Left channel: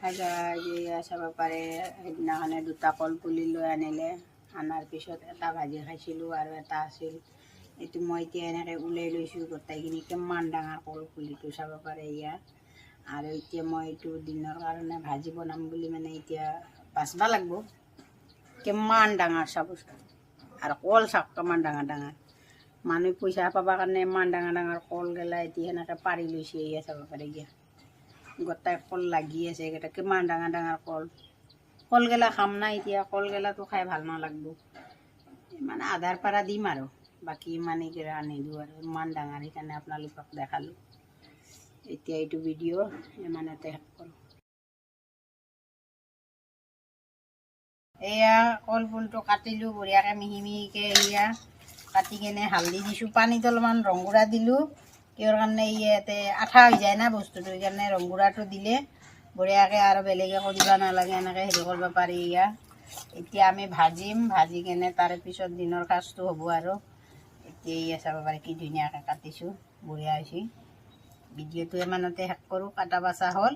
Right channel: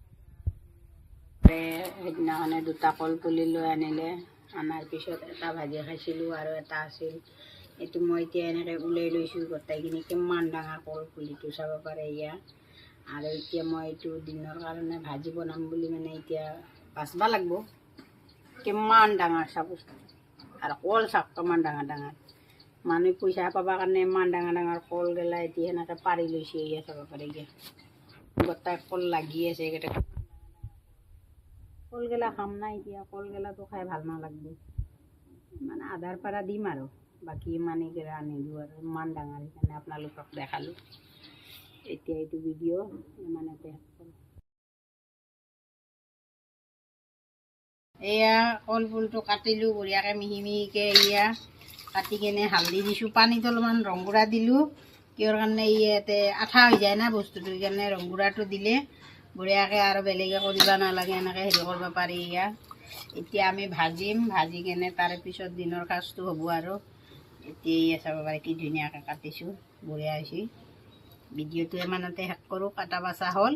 চাব পাৰে সেইদিনাখনে দুটা কল পুলি লৈ আনিলে, অনাৰ পিছত এটা ভাজি খাইছিলোঁ আৰু এটা আছিল। এইটো মই এতিয়া এনেকৈ ওলাই লৈছোঁ গোটেইখিনি, কিমান ডাঙৰ কল পুলিটো চাব পাৰে ইয়াত। আৰু এতিয়া মই এইটো দিনৰ কাৰণে ভাজি বনাম বুলি মানে এতিয়া বাচবা লাগিব, কিমান ডাঙৰ চাব। আৰু কল চাওক কিমান ডাঙৰ ডাঙৰ, মানুহ পইচা পাবৰ কাৰণে ইমান ডাঙৰ ডাঙৰ কল গেলা এতিয়া সেনেকৈ পাৰি লৈছে। এয়া চাব পাৰে, এতিয়া গোটাই কল লাগি আছে, এইকেইটা কিমান ডাঙৰ ডাঙৰ কল। কলগেলা খাম না এতিয়া, কলগেলাটো খাই ভাল নালাগব, মানে আধাৰ পৰা দিম আৰু বাকী ইমান এইকেইটা আনিলোঁ আৰু ইমান ডাঙৰ, সেইকাৰণে আপোনালোকক দেখালোঁ। এতিয়া এইটো ভিডিঅ' ইমানতে শেষ কৰোঁ। এয়া কল ফুলটো কাটিলোঁ বঢ়িয়াকৈ মিহি মিহিকৈ, এয়া কাটি কেনে হালধি দিছোঁ, পানীত অলপমান ৰংগুড়া দিলোঁ, কিহৰ কাৰণে ইয়াতে আঠা হৈ যায় না বস্তুটো, সেইকাৰণে ৰংগুড়াটো দিলে বঢ়িয়াকৈ আৰু বেলেগ একো দিব নালাগে, এনেকৈ হেৰি কৰিব পাৰি। এতিয়া আমি ভাজিম, ভাজি কেনে তাৰে পিছত দিনৰ সাজটো হ'ব আৰু। এতিয়া চাব পাৰে কি ধুনীয়াকৈ কাটিছোঁ, বঢ়িয়া হৈছে। ভিডিঅ'টো ইমানতে শেষ কৰোঁ, কাটা বাচা হ'ল।